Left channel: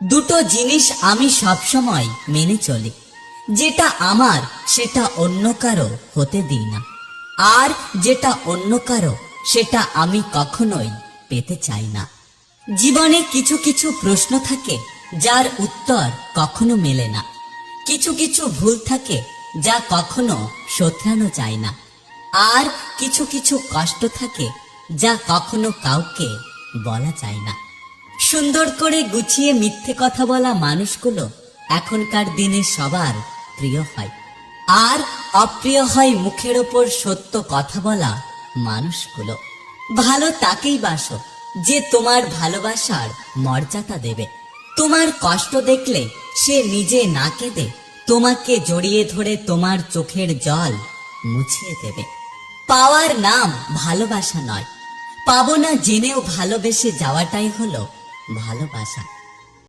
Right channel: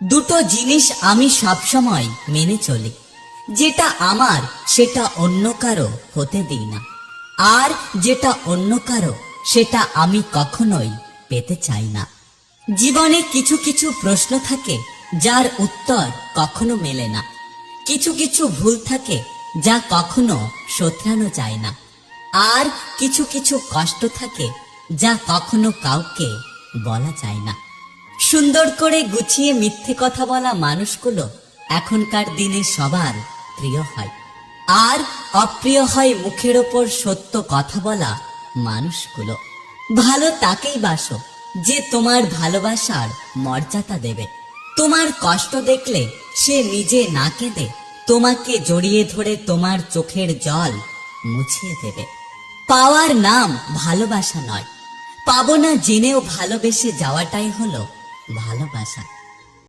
দুটো জিনিস আমি সবসময় মেনে চলি, যেটা আমার সেটা অন্য কারো হতে দিই না, আর যেটা অন্য কারো সেটা আমি কখনোই পেতে চাই না। জীবনে কিছু কিছু প্রশ্ন থাকে যার উত্তর কখনো মেলে না, কিছু কিছু ভুল থাকে যা কখনো শোধরানো যায় না, আর কিছু কিছু কষ্ট থাকে যা কখনো কাউকে বলা যায় না। সুন্দর করে গুছিয়ে মিথ্যে কথা বলা মানুষগুলো এখনকার দিনে সবার প্রিয় হয়, আর অপ্রিয় হয় মুখের ওপর সত্য কথা বলা মানুষগুলো। ভালো তাকেই বাসো যে তোমার ভালোবাসার মর্যাদা দেবে। তোমার কষ্ট দেখলে সে নিজে না কেঁদে তোমাকে জড়িয়ে ধরে তোমার চোখের জল মুছিয়ে দেবে। পাওয়ার নাম ভালোবাসা নয়, পাবো না জেনেও ভালোবেসে যাওয়াটাই হলো ভালোবাসা।